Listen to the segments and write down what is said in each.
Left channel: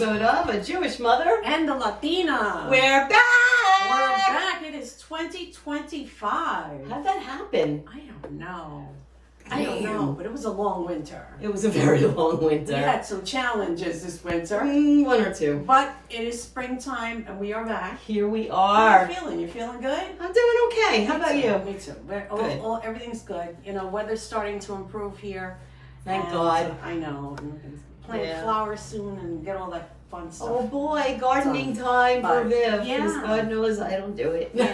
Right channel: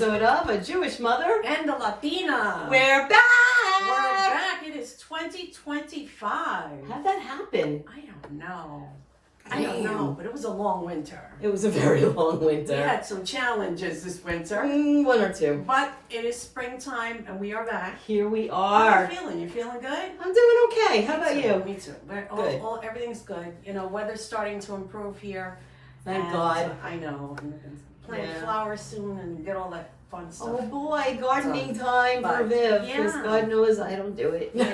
episode of A Jewish Mother and the Latina. We're back! We're back. It is 2025. How'd that happen? I don't know. I don't know, but it was a long winter. It was a very long winter. We had some challenges this winter. One or two. But it is springtime and we are back. Here we are. How are you feeling? You feeling good? I'm doing okay. How about you? Me too. Good. Everything's good. You know, weather's starting to improve here. Thank God. I know. And plant flowers soon and get all that fun stuff. Oh boy, gardening time for Viv. Because God knows I don't do it. No.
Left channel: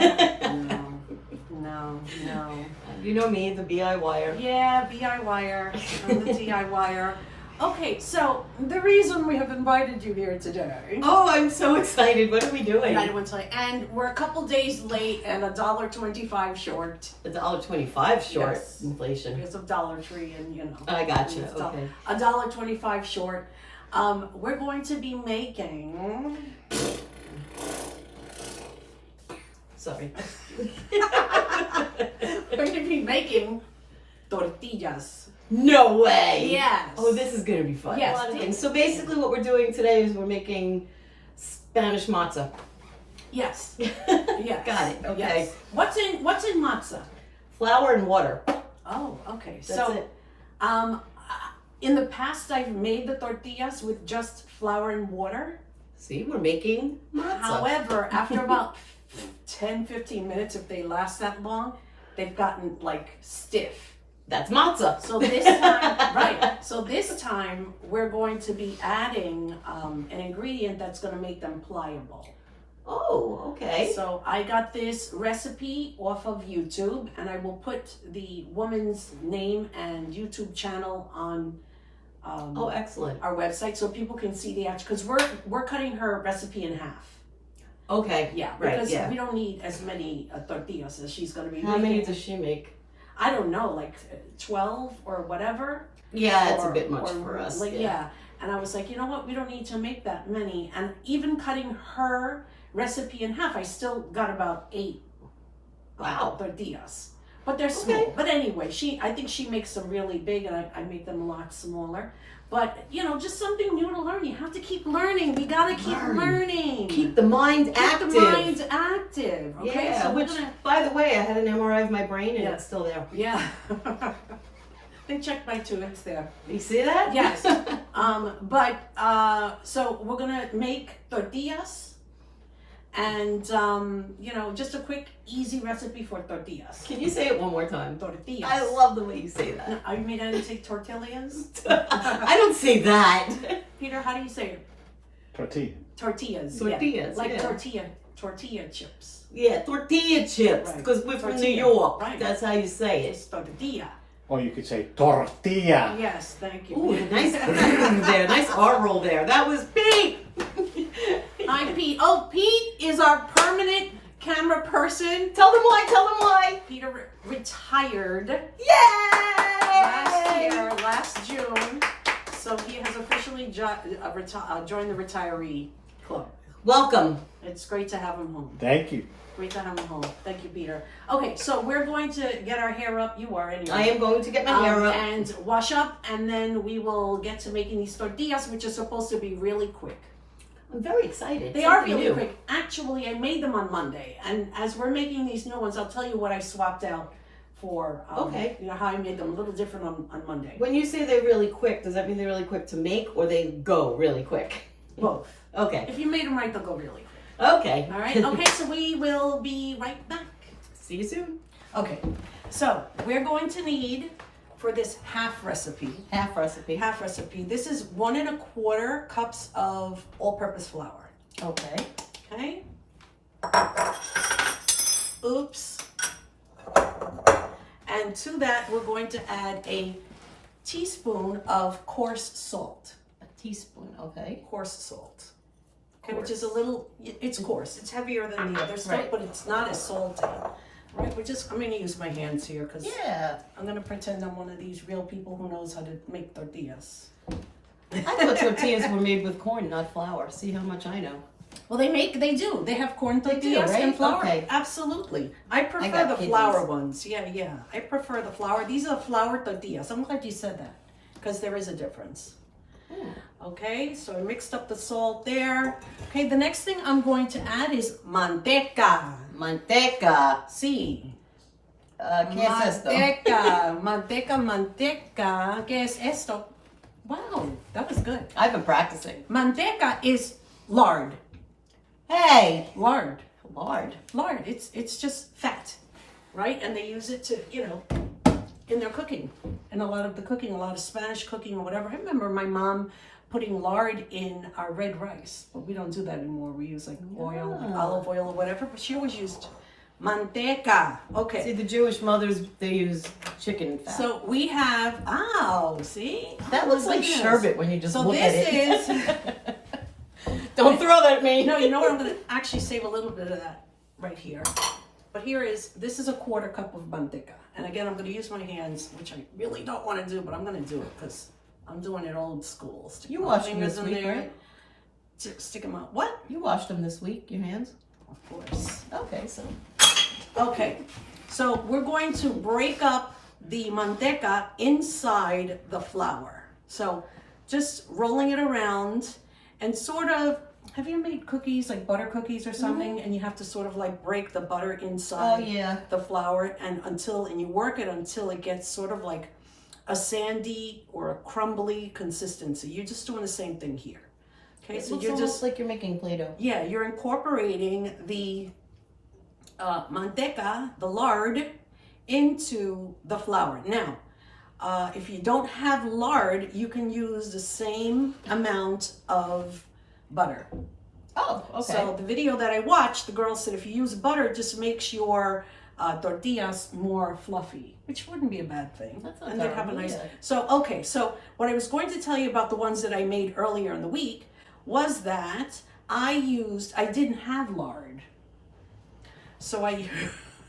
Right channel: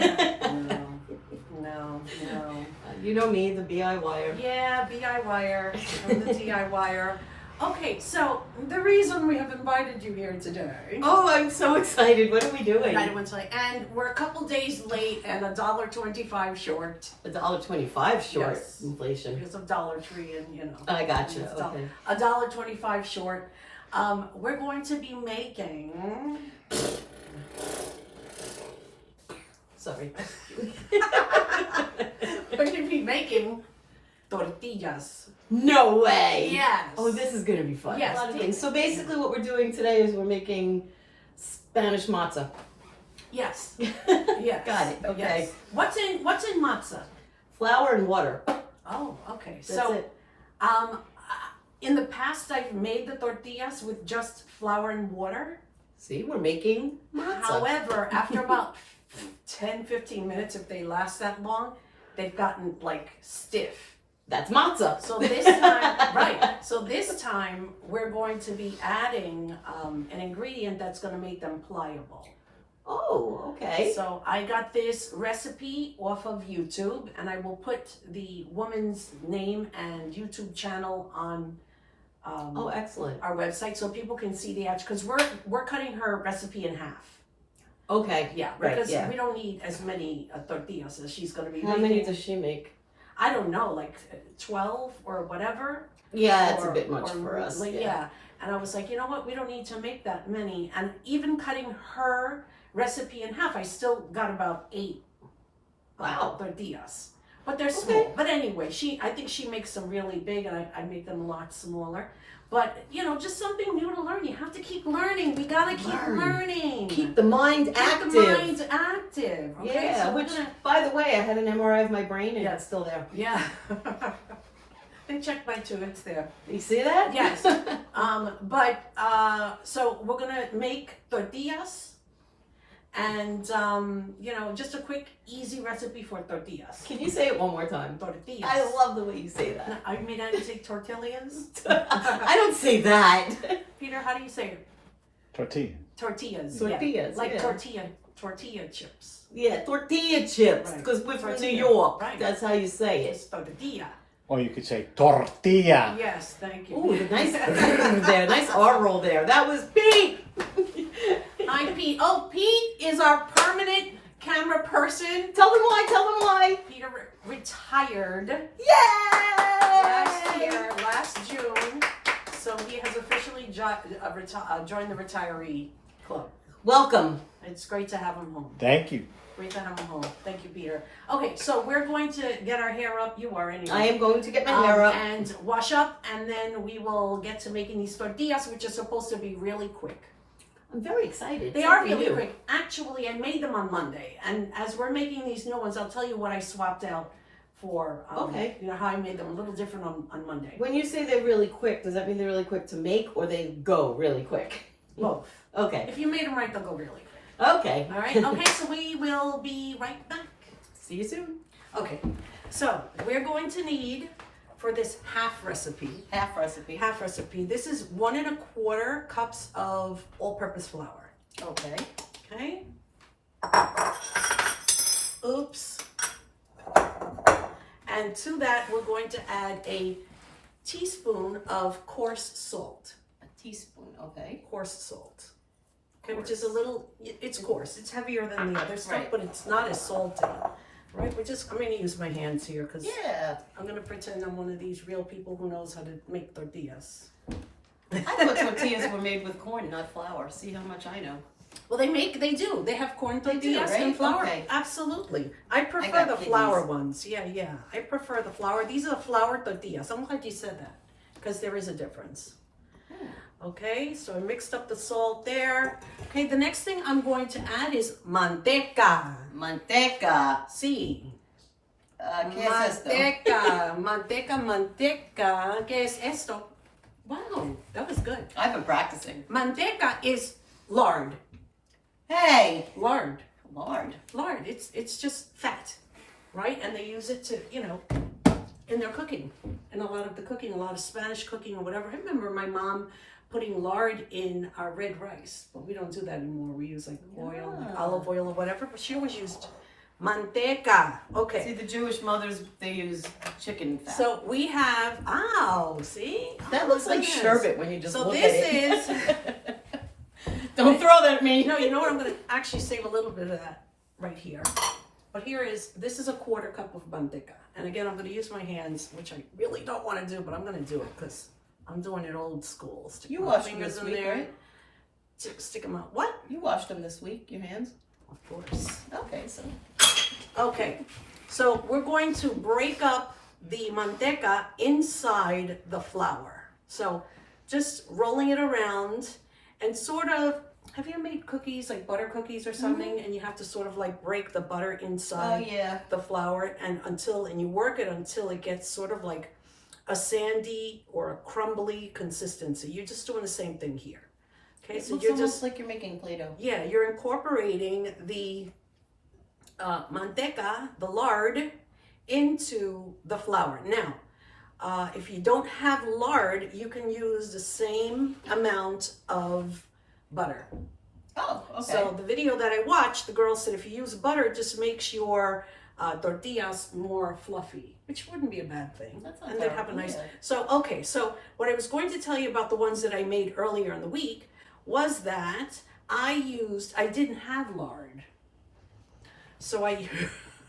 You know me, the DIYer. Yeah, DIYer. I'm the DIYer. Okay, so the reason we have invited you here today. Oh, I'm so excited. What are we doing? I want to tell you. And we're a couple days late and $1.25 short. $1.25 short. Yes. Inflation. Because of Dollar Tree and, you know. I gotcha. Okay. $1.25 short. We're going to be making... Sorry. We're going to be making tortillas. No way! Yes. Oh, this is going to be fun. Yes. A lot of things. So basically what we're doing today is we're making Spanish matzah. Yes. Yes. Got it. Okay. Yes. What's in matzah? Flour and water. Oh, okay. That's it. In the past I've made the tortillas with just flour and water. See, we're making matzah. However, after about 10-15 minutes, if they last that long, they've gotten like stiff. That's matzah. So this time, right. So this time we're going to be adding an ingredient that's going to make them pliable. Oh, okay. So I got this recipe off of YouTube, and I will put the woman's name and YouTube channel on oh, excellent. our website so people can see the actual, because we're cutting her recipe in half. Okay. Yeah, right, because yeah. we don't need as many tortillas as she's going to be How making. many does she make? I don't know, like 12 or whatever. Yeah, it's a bit much for us. Like, yeah. And I was like, you know what? We don't need to make that many. And even cutting her recipe in half, I still got about 8 tortillas. But they're small. But anyway, I think she makes them really big, and I make them a lot smaller. But, you know, just something new to learn. You have to keep learning. We got to keep learning. Keep the mind active. Keep the mind active. Okay? Yeah, so which, by the way, I had an MRI of my brain, and it's still there. Yeah. They checked my too. It's there. You see that? Yes. So we're going to make tortillas. And, you know, just a quick, easy recipe for tortillas. Can you say it one more time? Tortillas. I love the way you say that. No, I mean, I didn't say tortillas. I don't say that. Peter, how do you say it? Tortilla. Tortillas. Tortillas, Yeah. Like yeah. tortilla chips. Yeah, tortilla chips, because we're from New York. Right. That's how you say it. It's tortilla. Or you could say tortilla. Yes, thank you. Ooh, nice there. Nice R roll there. That was Pete. Hi, Pete. Oh, Pete is our permanent camera person. Tell them why. Peter retired Yay! last June. So he has officially joined the retiree club. Welcome. It's great to have him home. Thank you. Great to have him home. Thank you, Peter. Okay, so we're going to get our hair up. You are anyway. I am going to get my hair up. And wash up, and then we will get to making these tortillas, which are supposed to be really quick. I'm very excited. They are really quick. Actually, I made them on Monday, and as we're making these new ones, I'll tell you what I swapped out for. You know how I made them a little different on Monday. When you say they're really quick, does that mean they're really quick to make, or they go really quick? Both. Okay. If you made them right, they'll go really quick. Okay. All right. Okay. So we will be right back. See you soon. Okay. So we're going to need, for this half recipe. Half recipe. This is 1 1/4 cups of all-purpose flour. Okay. Okay. Oops. And to that, we're going to add a teaspoon of coarse salt. A teaspoon. Okay. Coarse salt. Okay, which is a little. It's coarse. It's heavier than the other stuff, but it's not as salty. Right, I'm going to use my hands here because I'm going to pretend I'm one of these real people who knows how to make tortillas. I thought tortillas were made with corn, not flour. See how much I know. Well, they do. They have corn tortillas and flour. Okay. Absolutely. I prefer the flour ones. Yeah. I prefer the flour. These are flour tortillas. I'm glad you said that because there is a difference. Okay, so I mixed up the salt there. Okay, the next thing I'm going to add is manteca. Manteca. Sí. ¿Qué es esto? Manteca. ¿Qué es esto? Wow, that was good. I've been practicing. Manteca is lard. Hey! Lard. Lard. Lard. It's just fat, right? And they use it to, in their cooking. And a lot of the cooking, a lot of Spanish cooking or whatever. I remember my mom putting lard in our red rice, but we don't do that anymore. We use like oil, like olive oil or whatever, but she always used manteca. Okay. See, the Jewish mothers, they use chicken fat. So we have, see? That looks like sherbet when you just look at it. So this is, Don't throw that at me. no, you know what? I'm going to actually save a little bit of that right here. But this is a 1/4 cup of manteca. And again, I'm going to use my hands, which I really don't want to do, but I'm going to do it because I'm doing it old school. Stick You my washed them fingers this in week, there. right? Stick them out. What? You washed them this week, your hands? Of course. Okay, so. Okay, so we're going to break up the manteca inside the flour. So just rolling it around and sort of, have you ever made cookies, like butter cookies or something, and you have to sort of like break the butter inside the flour and you work it until it gets sort of like a sandy or a crumbly consistency. You're just doing the same thing here. Okay, So you're just like you're making Play-Doh. Yeah, you're incorporating the manteca, the lard, into the flour. Now, if you don't have lard, you can use the same amount of butter. Oh, okay. So the video that I watched, the girl said if you use butter, it just makes your tortillas more fluffy, which wouldn't be a bad thing. That's not and they'd have a terrible, nice. yeah. So what I was going to tell you about the ones that I made earlier in the week was that I didn't have lard. So I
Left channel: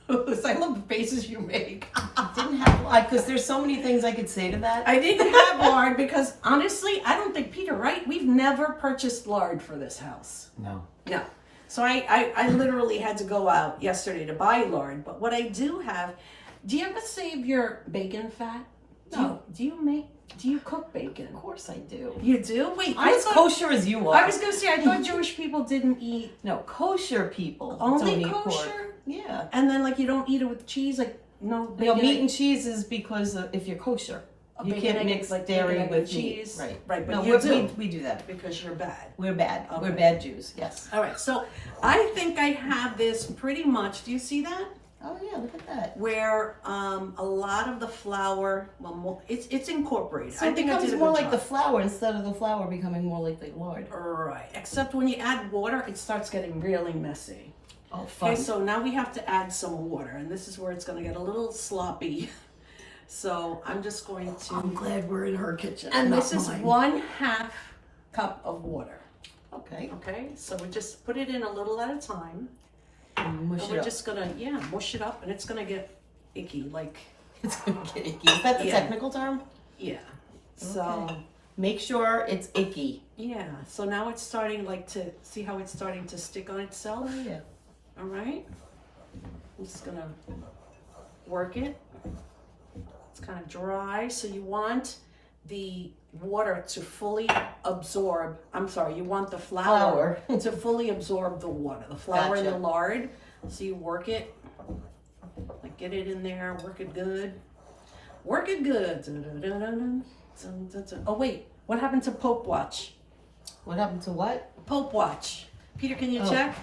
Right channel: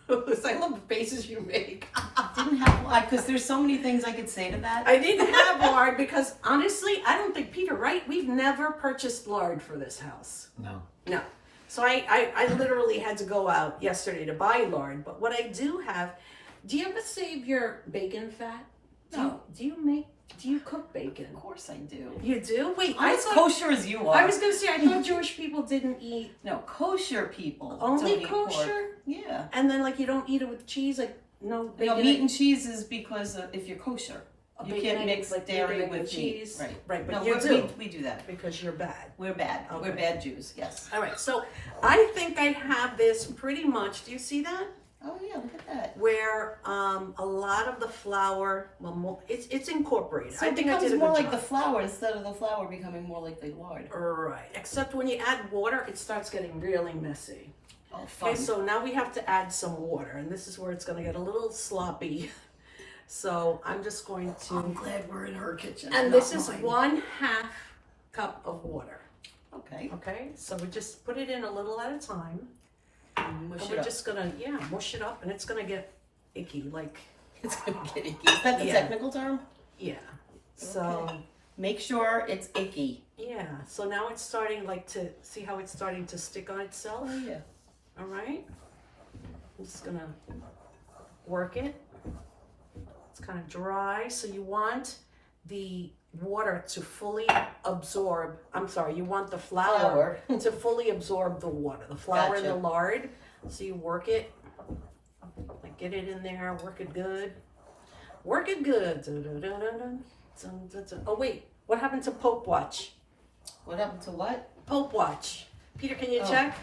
love the faces you make. Didn't have lard, because there's so many things I could say to that. I didn't have lard because honestly, I don't think, Peter, right? We've never purchased lard for this house. No. No. So I literally had to go out yesterday to buy lard. But what I do have, do you ever save your bacon fat? No. Do you cook bacon? Of course I do. You do? Wait, I'm as kosher as you are. I was going to say, I thought Jewish people didn't eat. No, kosher people Only don't eat kosher? pork. Yeah. And then like you don't eat it with cheese, like no bacon. No, meat and cheese is because if you're kosher. You bacon, can't egg, mix like dairy bacon, egg, with and meat. cheese. Right. But No, you do. we do that. Because you're bad. We're bad. Okay. We're bad Jews, yes. All right, so I think I have this pretty much. Do you see that? Oh yeah, look at that. Where a lot of the flour, well, it's incorporated. So I it think I becomes did a more good like the job. flour instead of the flour becoming more like the lard. Right, except when you add water, it starts getting really messy. Oh, fun. Okay, so now we have to add some water, and this is where it's going to get a little sloppy. So I'm just going to. I'm glad we're in her kitchen. And not this is mine. 1/2 cup of water. Okay. Okay, so we just put it in a little at a time. Mush And it we're up. just gonna, mush it up, and it's gonna get icky, like, It's gonna get icky. Is that the Yeah. technical term? yeah. So, Okay. Make sure it's icky. yeah. So now it's starting, like, to see how it's starting to stick on itself. Oh yeah. All right. I'm just gonna work it. It's kind of dry, so you want the water to fully absorb. I'm sorry, you want the flour to fully absorb the water, the flour and the Gotcha. lard. So you work it, like get it in there, work it good. Work it good. Oh wait, what happened to Pope Watch? What happened to what? Pope Watch. Peter, can you Oh. check?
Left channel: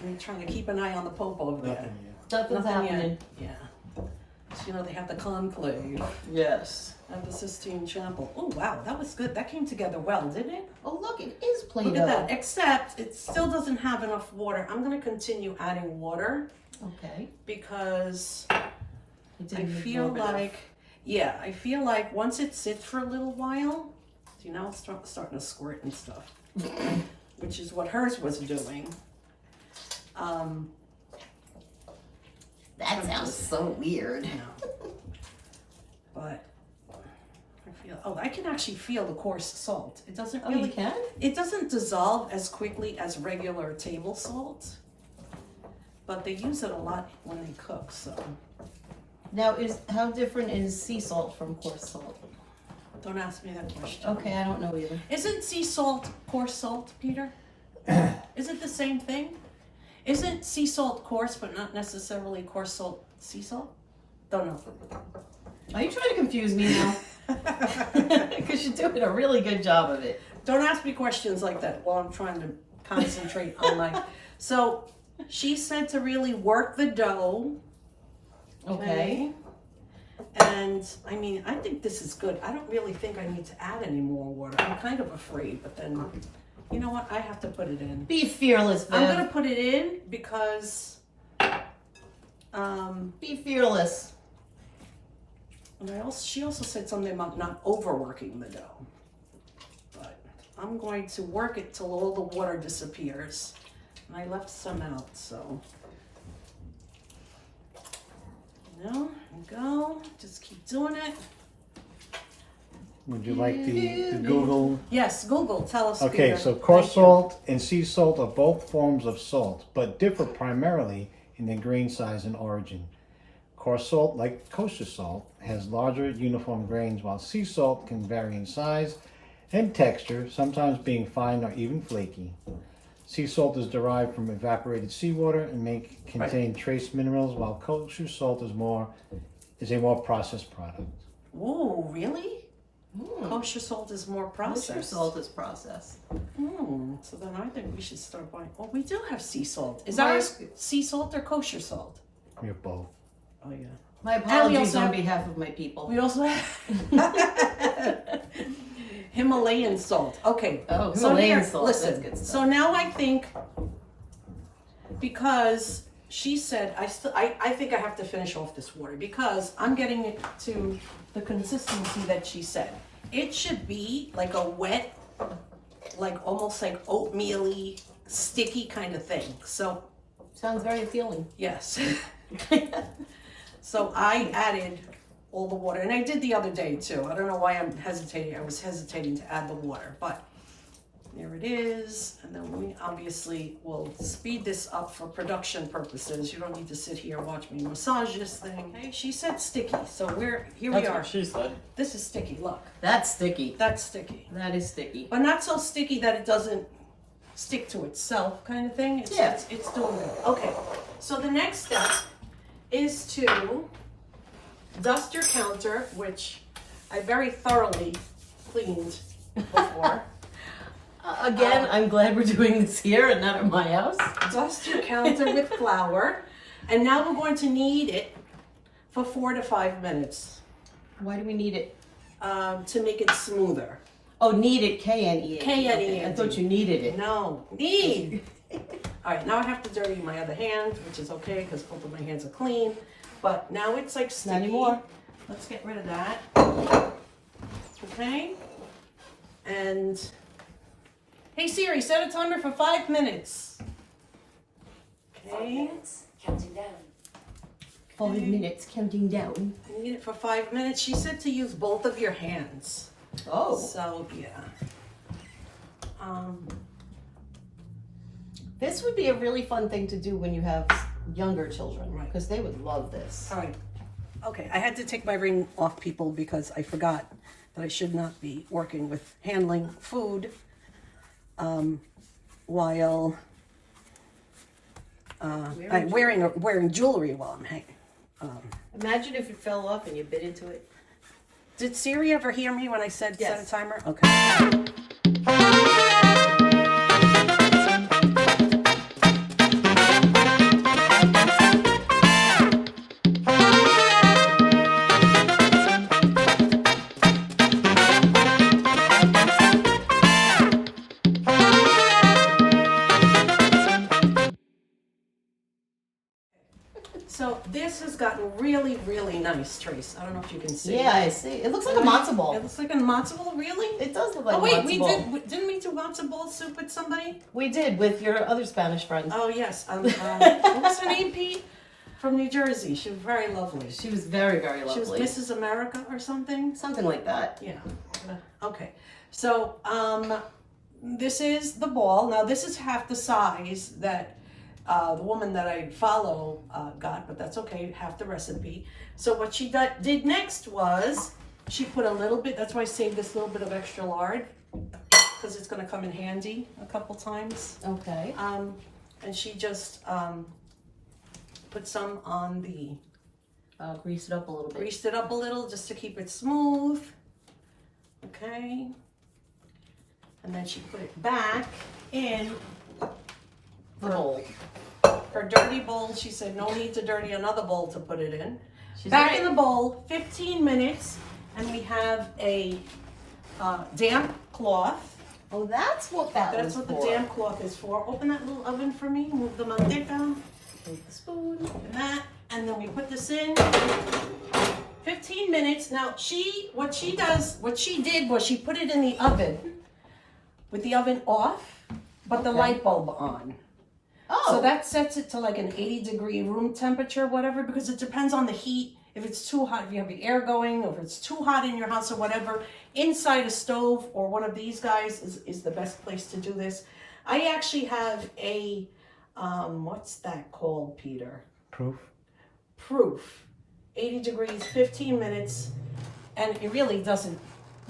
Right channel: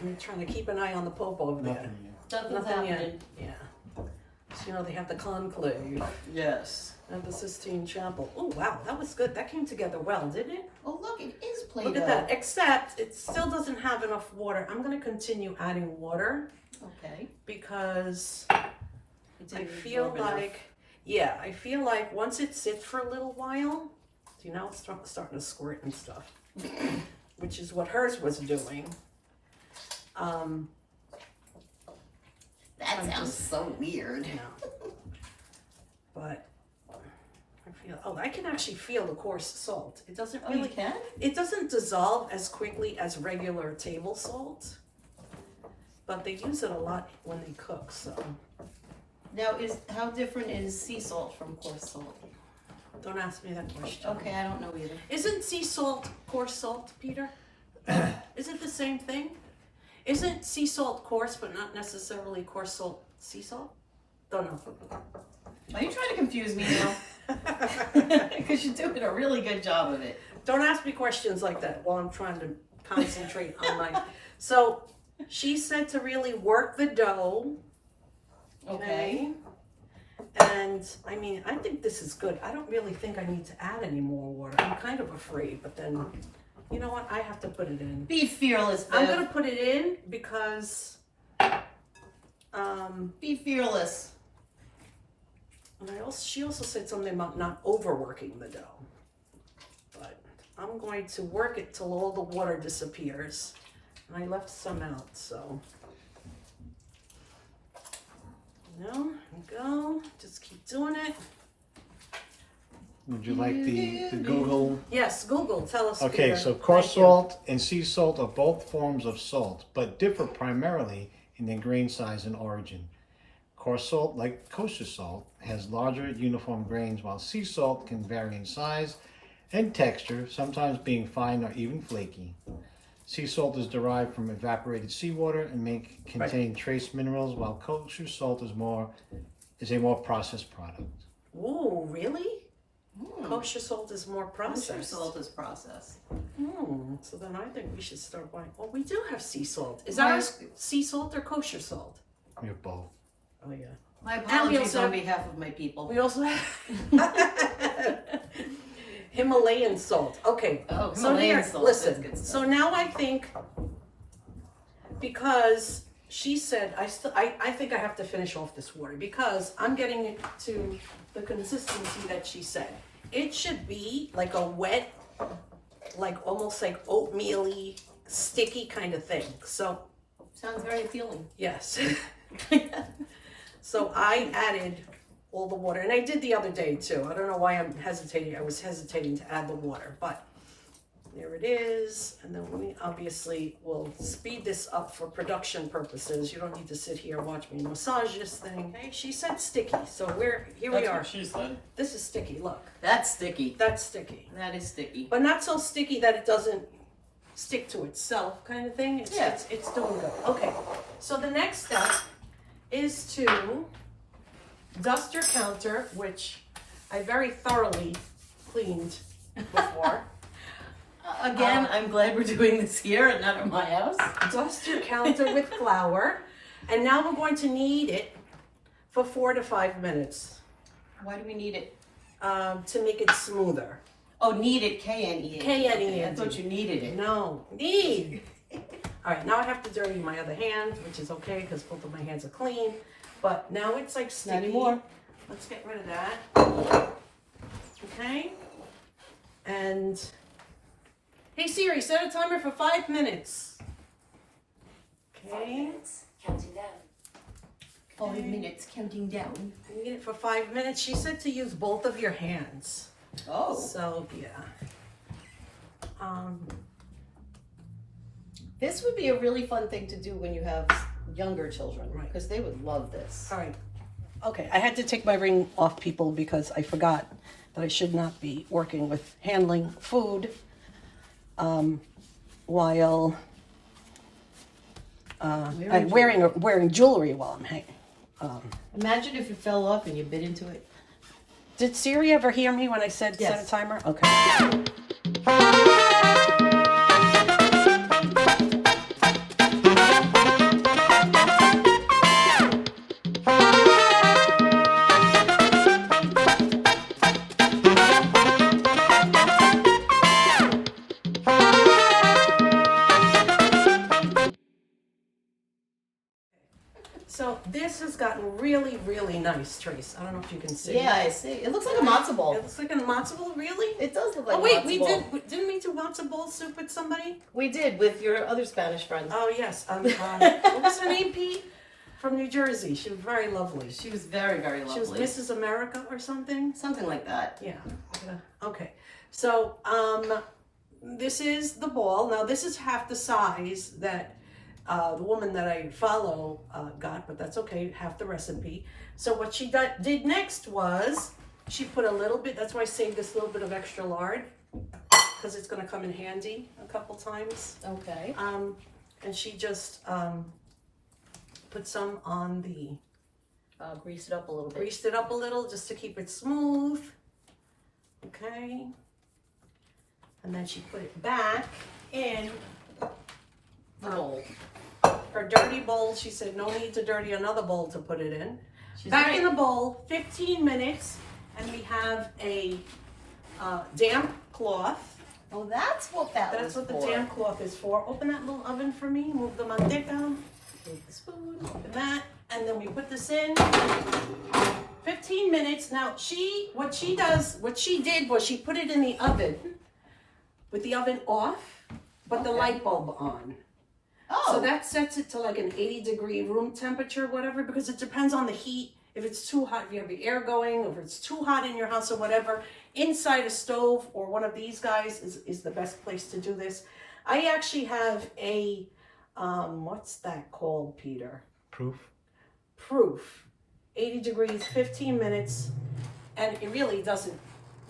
I'm trying to keep an eye on the Pope over there. Nothing yet. Nothing's Nothing happening. yet. Yeah. So, you know, they have the conclave Yes. at the Sistine Chapel. Oh, wow, that was good. That came together well, didn't it? Oh look, it is Play-Doh. Look at that. Except it still doesn't have enough water. I'm going to continue adding water Okay. because It I didn't feel absorb enough. like, yeah, I feel like once it sits for a little while, see, now it's starting to squirt and stuff, which is what hers was doing. That sounds so weird. No. But I can actually feel the coarse salt. It doesn't Oh, you really, can? it doesn't dissolve as quickly as regular table salt, but they use it a lot when they cook, so. Now, how different is sea salt from coarse salt? Don't ask me that question. Okay, I don't know either. Isn't sea salt coarse salt, Peter? Is it the same thing? Isn't sea salt coarse, but not necessarily coarse salt sea salt? Don't know. Are you trying to confuse me now? Because you're doing a really good job of it. Don't ask me questions like that while I'm trying to concentrate on my... So, she said to really work the dough. Okay. And, I mean, I think this is good. I don't really think I need to add any more water. I'm kind of afraid, but then, you know what? I have to put it in. Be fearless, Viv. I'm going to put it in because... Be fearless. And she also said something about not overworking the dough. But I'm going to work it till all the water disappears. And I left some out, so... There you go. Just keep doing it. Would you like the Google? Yes, Google, tell us. Okay, Peter. so coarse Thank you. salt and sea salt are both forms of salt, but differ primarily in their grain size and origin. Coarse salt, like kosher salt, has larger uniform grains, while sea salt can vary in size and texture, sometimes being fine or even flaky. Sea salt is derived from evaporated seawater and may contain trace minerals, while kosher salt is a more processed product. Ooh, really? Kosher salt is more processed. Kosher salt is processed. So then I think we should start buying. Oh, we do have sea salt. Is ours sea salt or kosher salt? We have both. Oh yeah. My apologies on behalf of my people. We also have Himalayan salt. Okay. Oh, So Himalayan here, salt. listen. That's good stuff. So now I think, because she said, I think I have to finish off this water because I'm getting it to the consistency that she said. It should be like a wet, like almost like oatmeal-y, sticky kind of thing. So, Sounds very appealing. yes. So I added all the water, and I did the other day too. I don't know why I'm hesitating. I was hesitating to add the water, but there it is. And then we obviously will speed this up for production purposes. You don't need to sit here and watch me massage this thing. Okay, she said sticky, so here we are. She said. This is sticky, look. That's sticky. That's sticky. That is sticky. But not so sticky that it doesn't stick to itself kind of thing. It's doing it. Okay, so the next step is to dust your counter, which I very thoroughly cleaned before. Again, I'm glad we're doing this here and not at my house. Dust your counter with flour, and now we're going to knead it for 4 to 5 minutes Why do we need it? to make it smoother. Oh, knead it, K-N-E-A-D. K-N-E-A-D. I thought you needed it. No, knead. All right, now I have to dirty my other hand, which is okay because both of my hands are clean. But now it's like sticky. Not anymore. Let's get rid of that. Okay. And hey Siri, set a timer for 5 minutes. Okay. Counting down. 5 minutes, counting down. I need it for 5 minutes. She said to use both of your hands. Oh. So yeah. This would be a really fun thing to do when you have younger children, Right. because they would love this. All right. Okay, I had to take my ring off, people, because I forgot that I should not be working with handling food while I'm wearing jewelry while I'm hanging. Imagine if it fell off and you bit into it. Did Siri ever hear me when I said Yes. set a timer? Okay. So this has gotten really, really nice, Trace. I don't know if you can see. Yeah, I see. It looks like a matzo ball. It looks like a matzo ball, really? It does look like Oh wait, a matzo ball. didn't we do matzo ball soup with somebody? We did with your other Spanish friend. Oh yes. What was her name, Pete? From New Jersey. She was very lovely. She was very, very lovely. She was Mrs. America or something. Something like that. Yeah. Okay. So this is the ball. Now this is half the size that the woman that I follow got, but that's okay, half the recipe. So what she did next was she put a little bit, that's why I saved this little bit of extra lard, because it's gonna come in handy a couple times. Okay. And she just put some on the, Grease it up a little bit. greased it up a little just to keep it smooth. Okay. And then she put it back in The bowl. her dirty bowl. She said no need to dirty another bowl to put it in. She's Back right. in the bowl, 15 minutes, and we have a damp cloth. Oh, that's what that That's was what the for. damp cloth is for. Open that little oven for me. Move the mother down. Take the spoon. Like that, and then we put this in. 15 minutes. Now what she did was she put it in the oven with the oven off, but the Okay. light bulb on. Oh. So that sets it to like an 80-degree room temperature, whatever, because it depends on the heat. If it's too hot, if you have the air going, or if it's too hot in your house or whatever, inside a stove or one of these guys is the best place to do this. I actually have a, what's that called, Peter? Proof. 80 degrees, 15 minutes, and it really doesn't,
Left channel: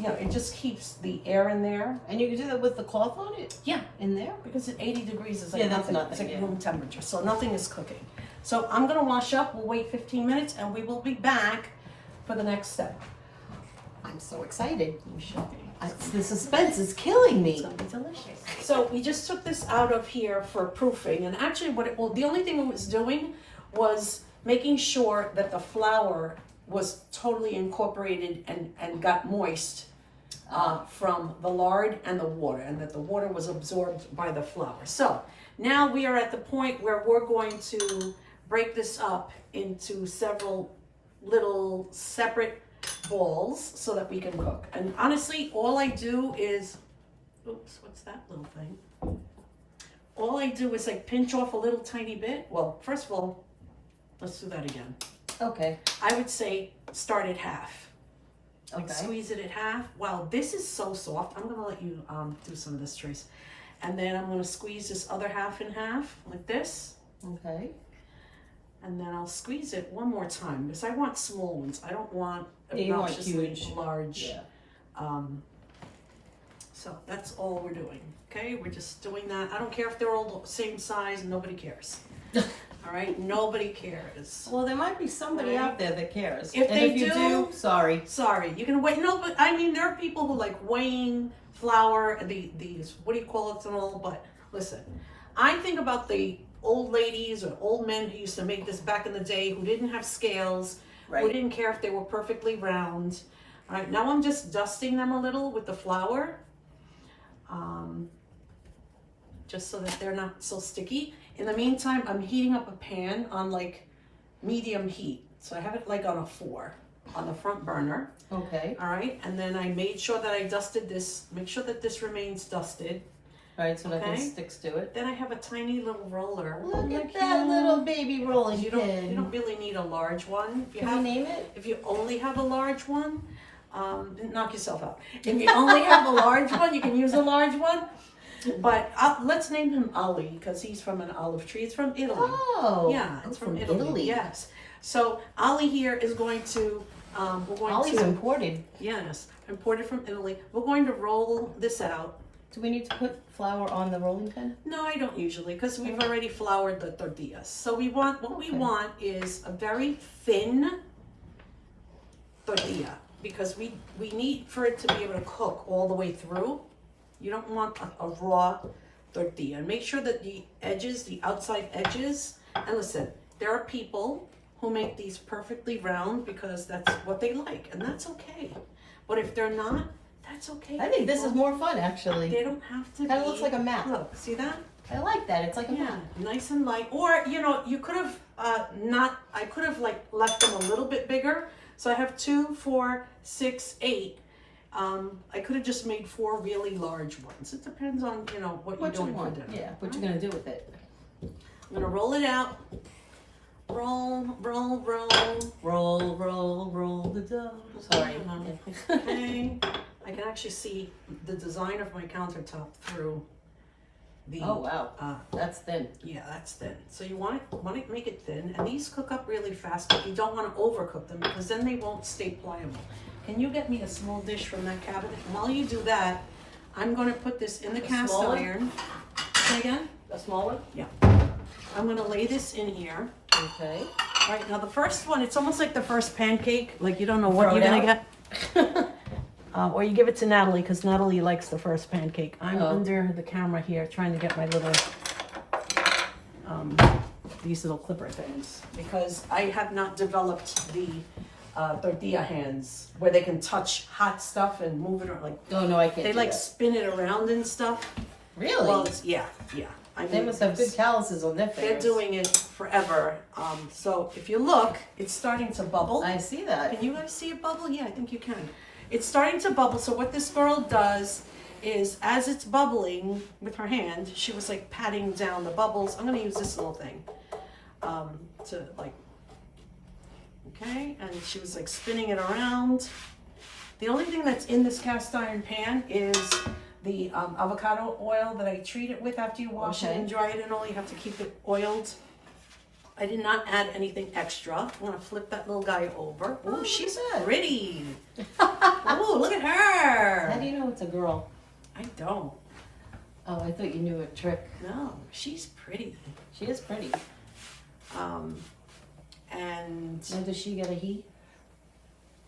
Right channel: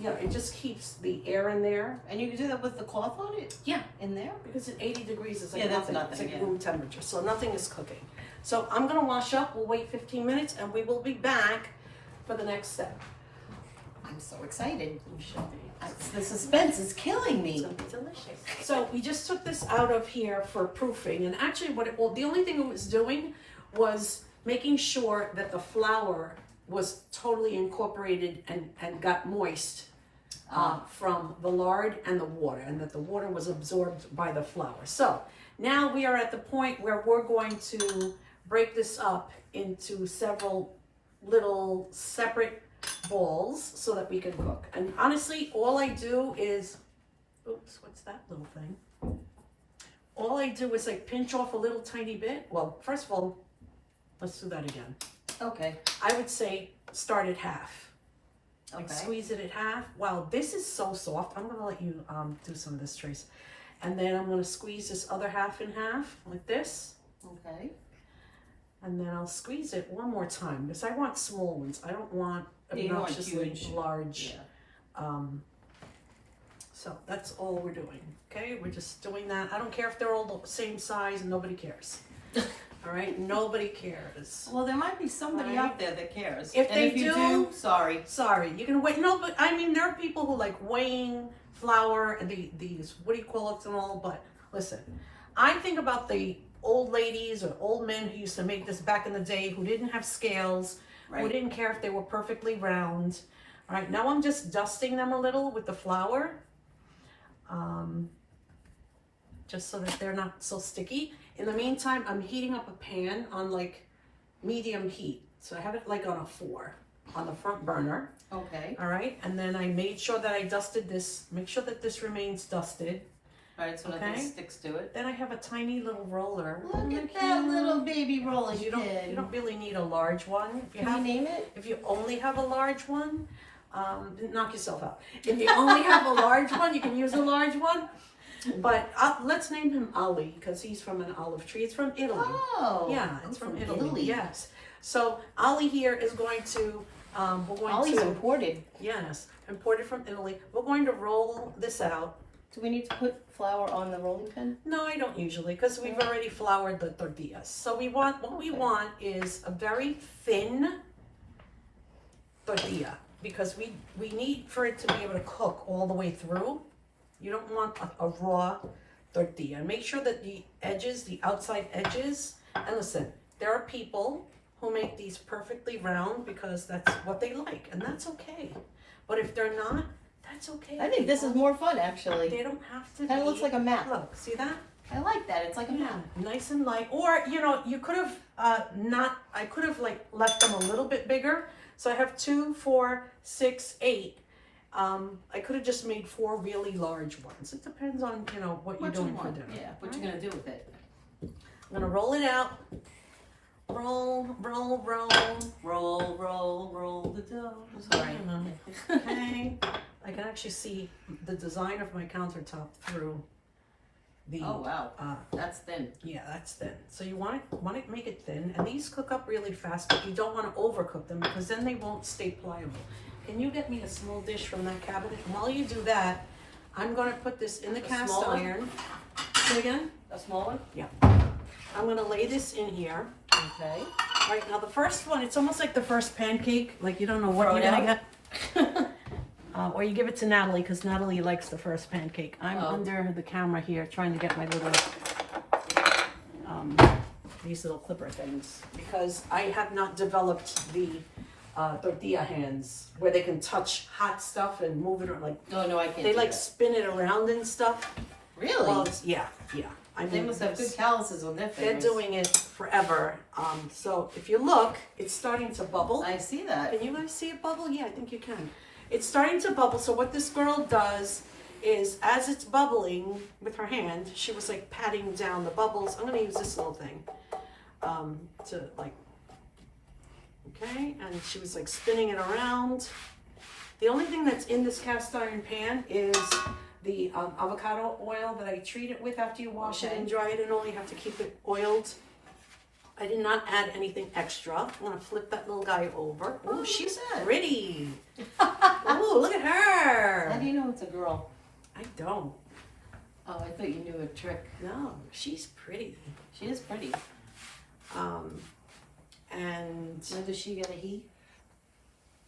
it just keeps the air in there. And you can do that with the cloth on it? Yeah. In there? Because at 80 degrees is like Yeah, that's nothing. nothing, It's like yeah. room temperature, so nothing is cooking. So I'm gonna wash up, we'll wait 15 minutes, and we will be back for the next step. I'm so excited. You should be. The suspense is killing me. It's gonna be delicious. So we just took this out of here for proofing, and actually the only thing it was doing was making sure that the flour was totally incorporated and got moist from the lard and the water, and that the water was absorbed by the flour. So now we are at the point where we're going to break this up into several little separate balls so that we can cook. And honestly, all I do is, oops, what's that little thing? All I do is like pinch off a little tiny bit. Well, first of all, let's do that again. Okay. I would say start at half. Like Okay. squeeze it at half. Wow, this is so soft. I'm gonna let you do some of this, Trace. And then I'm gonna squeeze this other half in half like this. Okay. And then I'll squeeze it one more time because I want small ones. I don't want Yeah, you want obnoxiously huge. large. Yeah. So that's all we're doing. Okay, we're just doing that. I don't care if they're all the same size. Nobody cares. All right, nobody cares. Well, there might be somebody Right. out there that cares. If and they if you do- sorry. Sorry, you can wait. No, but I mean, there are people who like weighing flour and these what do you call it and all. But listen, I think about the old ladies or old men who used to make this back in the day, who didn't have scales, who Right. didn't care if they were perfectly round. All right, now I'm just dusting them a little with the flour, just so that they're not so sticky. In the meantime, I'm heating up a pan on like medium heat. So I have it like on a 4 on the front burner. Okay. All right, and then I made sure that I dusted this, make sure that this remains dusted. Right, so nothing Okay. sticks to it. Then I have a tiny little roller. Look Isn't at that cute? little baby rolling You pin. don't really need a large one. If you Can have, you name it? if you only have a large one, knock yourself out. If you only have a large one, you can use a large one. But let's name him Ali because he's from an olive tree. It's from Italy. Oh. Yeah, it's from Italy. Yes. So Ali here is going to, we're going Ollie's to, imported. yes, imported from Italy. We're going to roll this out. Do we need to put flour on the rolling pin? No, I don't usually because we've already floured the tortillas. So we want, what we Okay. want is a very thin tortilla because we need for it to be able to cook all the way through. You don't want a raw tortilla. And make sure that the edges, the outside edges, and listen, there are people who make these perfectly round because that's what they like, and that's okay. But if they're not, that's okay. I think this is people. more fun, actually. They don't have to Kind of be- looks like a map. Look, see that? I like that. It's like a Yeah, map. nice and light. Or, you could have I could have like left them a little bit bigger. So I have 2, 4, 6, 8. I could have just made 4 really large ones. It depends on, what you're What you doing for want? dinner. Yeah. What right? you gonna do with it? I'm gonna roll it out. Roll, roll, roll. Roll, roll, roll the dough. Sorry. Okay. I can actually see the design of my countertop through the. Oh wow, that's thin. Yeah, that's thin. So you want to make it thin, and these cook up really fast, but you don't want to overcook them because then they won't stay pliable. Can you get me a small dish from that cabinet? And while you do that, I'm going to put this in the cast iron. Say again? A small one? Yeah. I'm going to lay this in here. Okay. All right, now the first one, it's almost like the first pancake. Like you don't know what you're going to get. Or you give it to Natalie because Natalie likes the first pancake. I'm under the camera here trying to get my little, these little clipper things because I have not developed the tortilla hands where they can touch hot stuff and move it or like. Oh no, I can't. They do like that. spin it around and stuff. Really? Well, yeah. I They mean, must have good calluses on their they're fingers. doing it forever. So if you look, it's starting to bubble. I see that. Can you guys see it bubble? Yeah, I think you can. It's starting to bubble. So what this girl does is as it's bubbling with her hand, she was like patting down the bubbles. I'm going to use this little thing to like, okay. And she was like spinning it around. The only thing that's in this cast iron pan is the avocado oil that I treat it with after you wash it and dry it and all. You have to keep it oiled. I did not add anything extra. I'm going to flip that little guy over. Oh, she's pretty. Oh, look at her. How do you know it's a girl? I don't. Oh, I thought you knew a trick. No, she's pretty. She is pretty. And Now, does she get a he?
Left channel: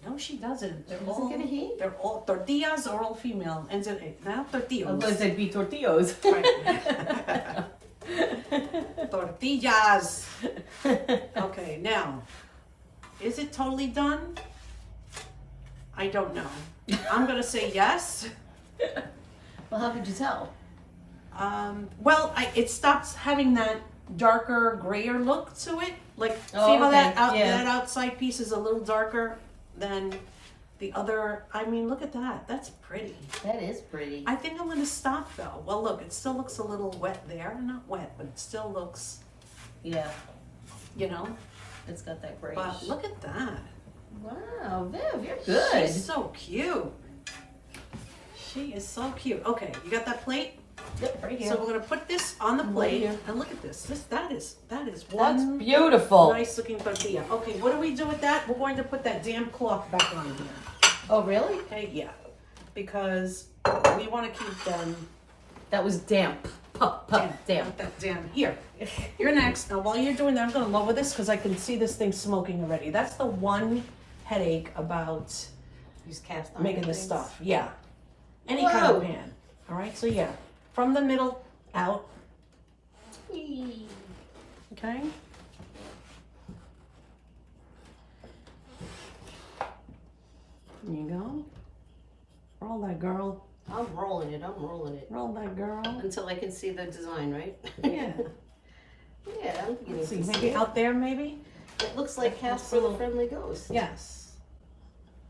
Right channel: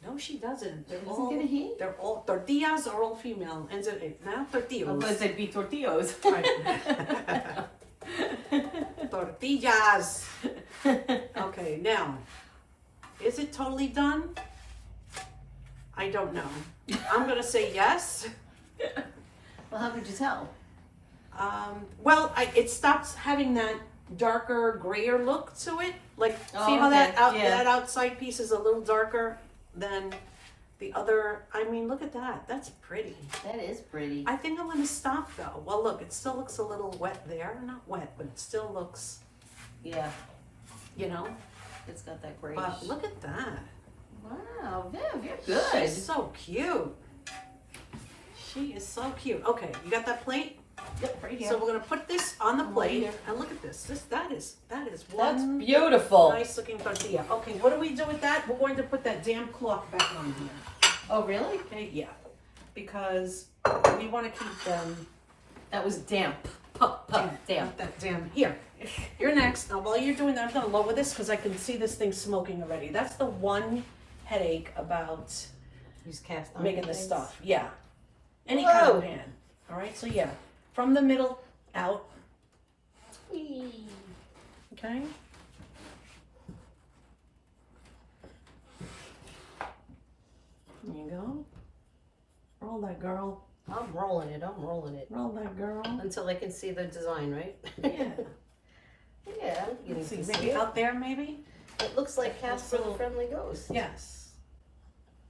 no, she doesn't. They're She all, doesn't get a he? they're all, tortillas are all female. Ends in it. Not tortillas. Unless they be tortillas. Right. Tortillas. Okay, now, is it totally done? I don't know. I'm gonna say yes. Well, how could you tell? Well, it stops having that darker, grayer look to it. Like, Oh, see how okay, that outside piece is a little darker than the other. I mean, look at that. That's pretty. That is pretty. I think I'm gonna stop though. Well, look, it still looks a little wet there. Not wet, but it still looks, Yeah, you know. it's got that grayish. But look at that. Wow, Viv, you're good. She's so cute. She is so cute. Okay, you got that plate? Yep, right here. So we're gonna put this on the Right plate, here. and look at this. That is That's one beautiful. nice looking tortilla. Okay, what do we do with that? We're going to put that damn cloth back on here. Oh, really? Okay, yeah, because we want to keep them That was damp. Damp. Not that damn. Here, you're next. Now, while you're doing that, I'm gonna lower this because I can see this thing smoking already. That's the one headache about Use cast iron making this things. stuff. Yeah, any kind Whoa. of pan. All right, so yeah, from the middle out. Whee. Okay. There you go. Roll that girl. I'm rolling it. Roll that girl. Until I can see the design, right? Yeah. Yeah, I'm beginning Let's see, to see maybe it. out there, maybe. It looks like cast for the little- friendly ghost. Yes.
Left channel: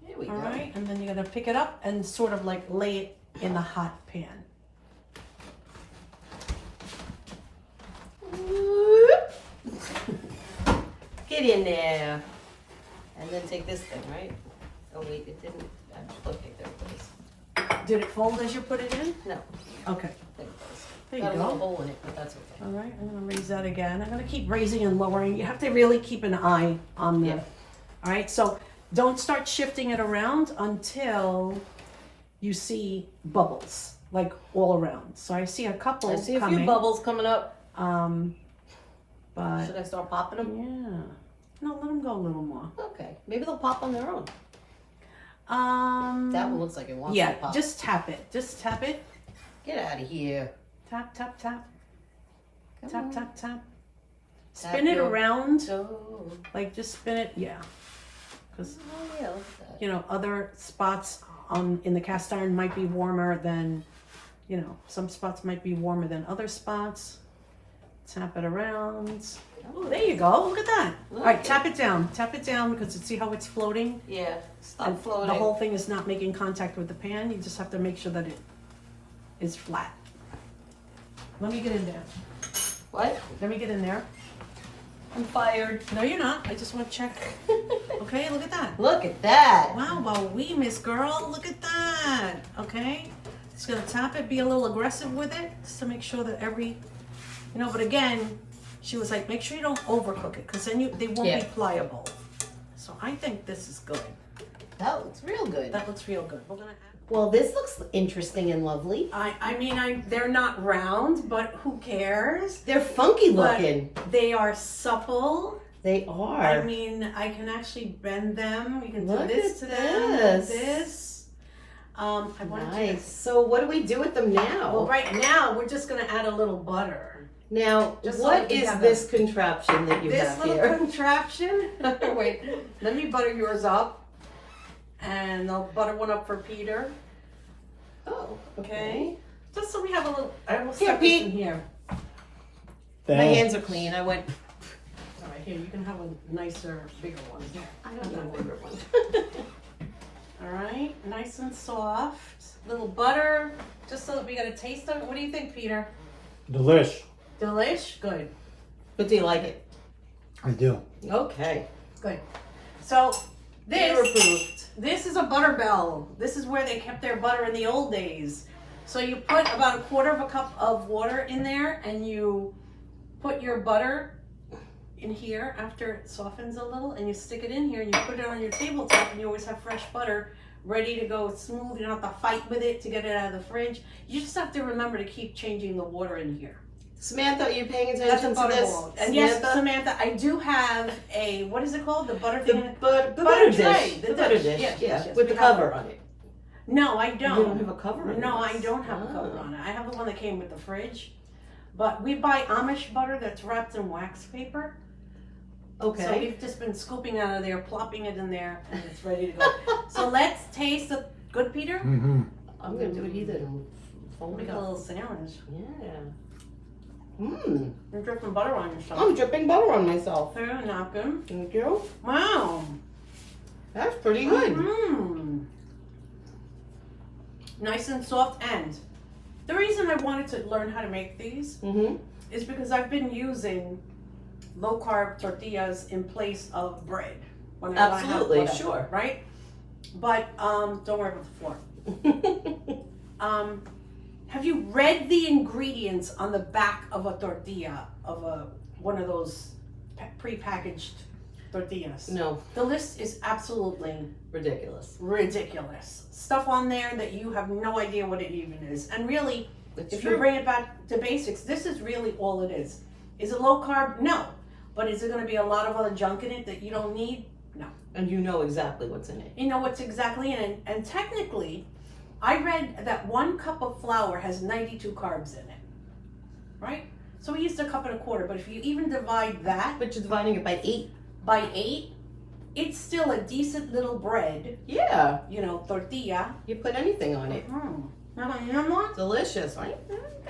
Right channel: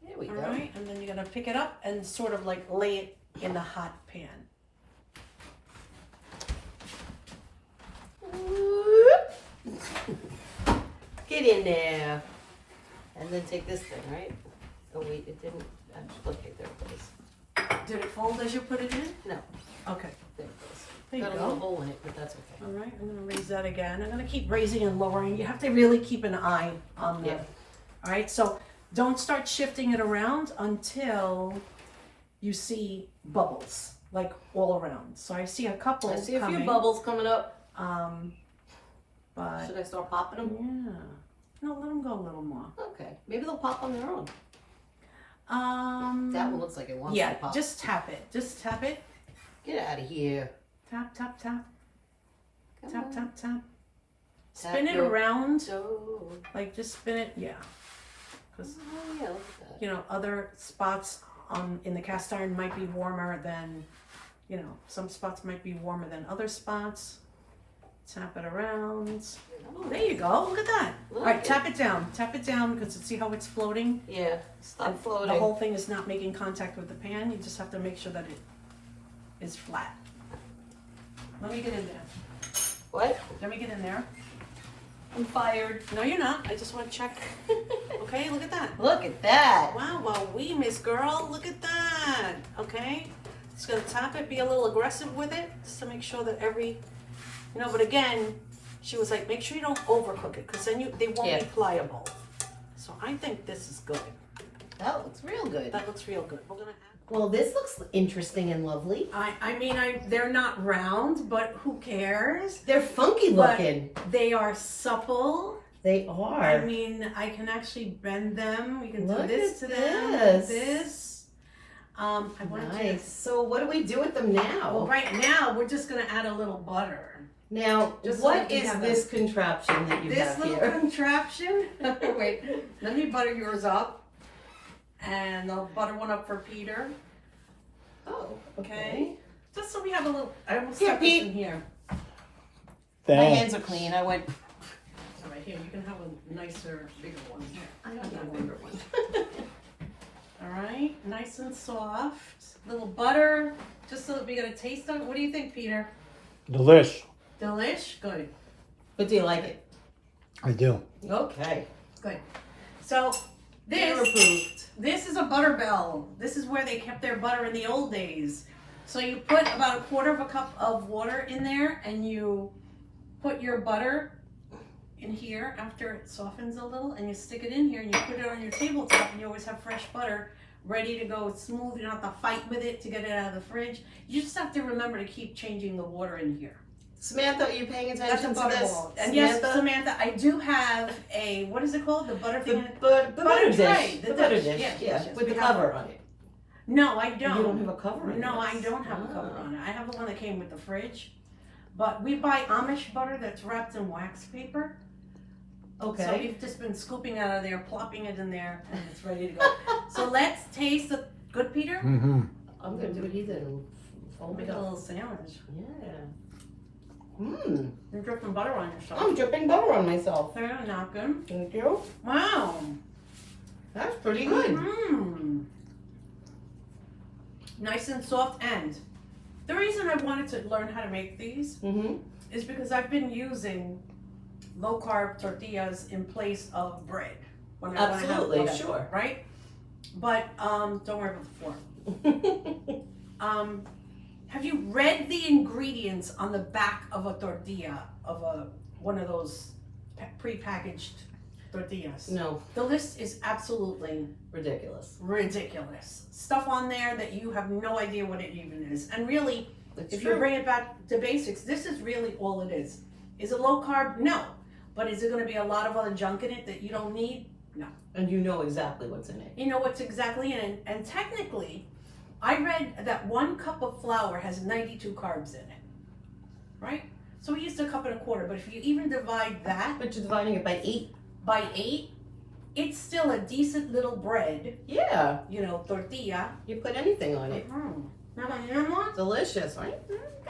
There we All go. right, and then you're gonna pick it up and sort of like lay it in the hot pan. Whoop. Get in there. And then take this thing, right? Oh wait, it didn't. Okay, there it goes. Did it fold as you put it in? No, Okay, there it goes. there you Got a little go. hole in it, but that's okay. All right, I'm gonna raise that again. I'm gonna keep raising and lowering. You have to really keep an eye on the. Yeah. All right, so don't start shifting it around until you see bubbles, like all around. So I see a couple I see a coming. few bubbles coming up. But Should I start popping them? yeah, no, let them go a little more. Okay, maybe they'll pop on their own. That one looks like it wants Yeah, to pop. just tap it. Just tap it. Get out of here. Tap, tap, tap. Come Tap, on. tap, tap. Tap Spin it your around. toe. Like just spin it, yeah. Because Oh yeah, look at that. you know, other spots in the cast iron might be warmer than, you know, some spots might be warmer than other spots. Tap it around. Oh, there you go. Look at that. All right, Look. tap it down. Tap it down because see how it's floating? Yeah, stop And floating. The whole thing is not making contact with the pan. You just have to make sure that it is flat. Let me get in there. What? Let me get in there. I'm fired. No, you're not. I just want to check. Okay, look at that. Look at that. Wow, well, we Miss Girl, look at that. Okay, Just gonna tap it, be a little aggressive with it, just to make sure that but again, she was like, make sure you don't overcook it, because then they won't be pliable. So I think this is good. That looks real good. That looks real good. We're gonna add. Well, this looks interesting and lovely. They're not round, but who cares? They're funky looking. But they are supple. They are. I can actually bend them. We can Look do this at to them. this. This. Nice. So what do we do with them now? Well, right now we're just gonna add a little butter. Now, Just so what we is have this contraption that you This have little here? contraption. Wait, let me butter yours up, and I'll butter one up for Peter. Oh, Okay. Just so we have a little. I almost Here, stuck this Pete. in here. My Thanks. hands are clean. I went. All right, here you can have a nicer, bigger one. Here. I don't need a bigger one. All right, nice and soft. Little butter, just so that we get a taste of it. What do you think, Peter? Delish. Delish? Good. But do you like it? I do. Okay. Good. So Peter approved. this is a butter bell. This is where they kept their butter in the old days. So you put about 1/4 cup of water in there, and you put your butter in here after it softens a little, and you stick it in here, and you put it on your tabletop, and you always have fresh butter ready to go. It's smooth. You don't have to fight with it to get it out of the fridge. You just have to remember to keep changing the water in here. Samantha, are you paying That's attention a to butter this? bowl. And yes, Samantha, I do have a, what is it called? The butter The, thing? butter Butter dish. tray, The butter dish. yes, Yeah, yes, with we the have cover that. on it. No, I don't. You don't have a cover on it? No, I don't have a cover on it. I have the one that came with the fridge. But we buy Amish butter that's wrapped in wax paper. Okay. So we've just been scooping out of there, plopping it in there, and it's ready to go. So let's taste the good, Peter. Mm-hmm. I'm gonna do it either. And fold Make it a up. little sandwich. Yeah. Mmm. You're dripping butter on yourself. I'm dripping butter on myself. Very napkin. Thank you. Wow. That's pretty good. Mm. Nice and soft. And the reason I wanted to learn how to make these Mm-hmm. is because I've been using low carb tortillas in place of bread. When I have Absolutely, whatever, sure. Right? But don't worry about the flour. Have you read the ingredients on the back of a tortilla, of one of those pre-packaged tortillas? No, The list is absolutely ridiculous. ridiculous. Stuff on there that you have no idea what it even is. And really, It's if true. you bring it back to basics, this is really all it is. Is it low carb? No. But is it going to be a lot of other junk in it that you don't need? No. And you know exactly what's in it. You know what's exactly in it. And technically, I read that 1 cup of flour has 92 carbs in it. Right? So we used 1.25 cups. But if you even divide that But you're dividing it by 8. by 8, it's still a decent little bread, Yeah. tortilla. You put anything on it. Delicious. I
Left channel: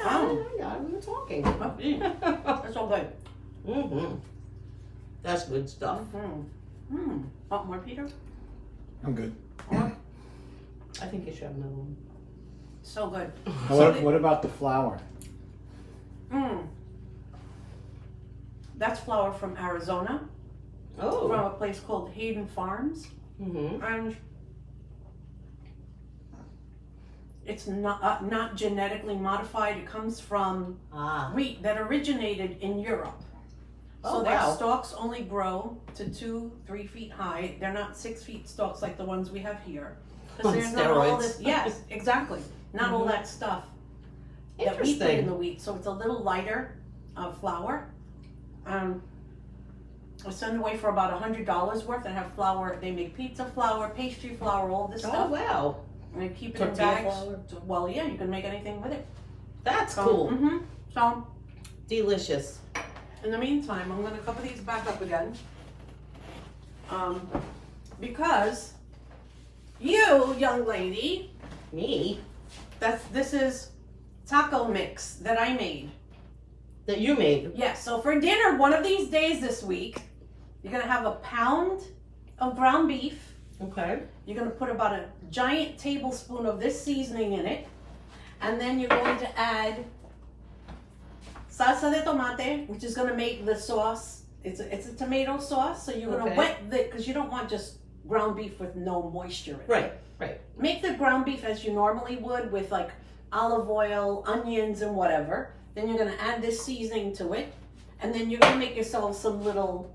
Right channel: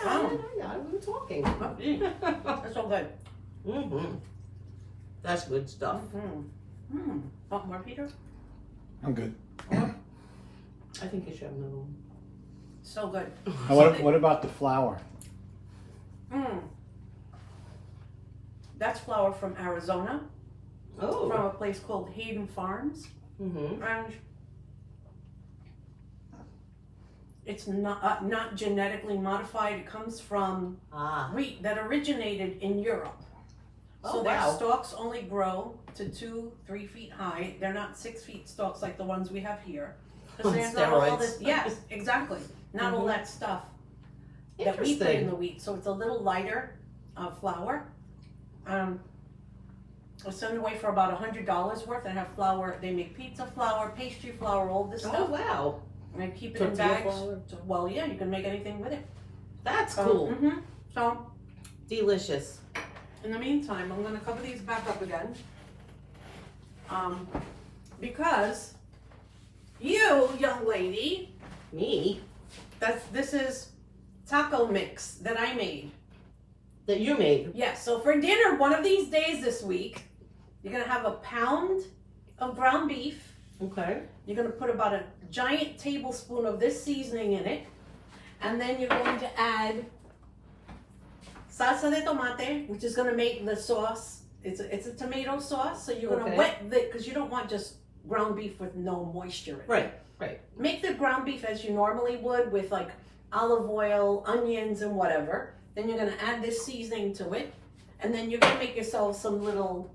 got it. We were talking. That's all good. Mm-hmm. That's good stuff. Want more, Peter? I'm good. I think you should have another one. So good. What about the flour? That's flour from Arizona, Oh. from a place called Hayden Farms. Mm-hmm. And it's not genetically modified. It comes from wheat that originated in Europe. Oh, So their wow. stalks only grow to 2-3 feet high. They're not 6 feet stalks like the ones we have here. 'Cause On there's not all steroids. this. Yes, exactly. Not all that stuff that we put in Interesting. the wheat. So it's a little lighter flour. I send away for about $100 worth. I have flour. They make pizza flour, pastry flour, all this Oh, stuff. wow. And I keep it Tortilla in bags. flour? Well, yeah, you can make anything with it. That's So, cool. So, Delicious. in the meantime, I'm going to cover these back up again. Because you, young lady, Me? this is taco mix that I made. That you made. Yes, so for dinner, one of these days this week, you're going to have 1 pound of ground beef. Okay. You're going to put about a giant tablespoon of this seasoning in it. And then you're going to add salsa de tomate, which is going to make the sauce. It's a tomato sauce, so you're going to wet it because you don't want just ground beef with no moisture in it. Right. Make the ground beef as you normally would with like olive oil, onions, and whatever. Then you're gonna add this seasoning to it, and then you're gonna make yourself some little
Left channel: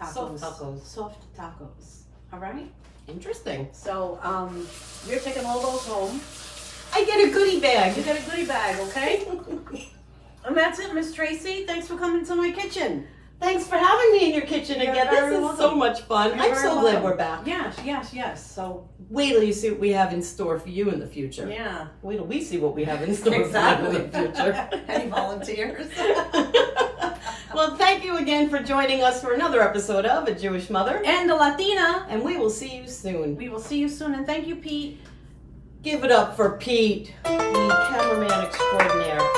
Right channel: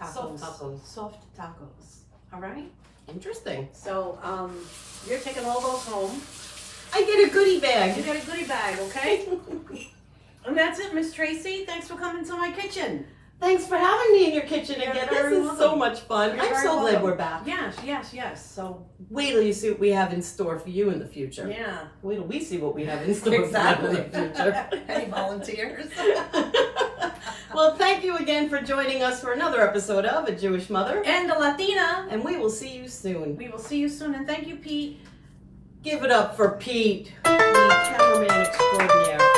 tacos. Soft tacos. All right. Interesting. So you're taking all those home. I get a goodie bag. You get a goodie bag, okay? And that's it, Miss Tracy. Thanks for coming to my kitchen. Thanks for having me in your kitchen You're again. very This is so welcome. much fun. You're I'm very so glad welcome. we're back. Yes. So Wait till you see what we have in store for you in the future. yeah. Wait till we see what we have in store Exactly. for you in the future. Any volunteers? Well, thank you again for joining us for another episode of A Jewish Mother. And the Latina. And we will see you soon. We will see you soon, and thank you, Pete. Give it up for Pete, the cameraman extraordinaire.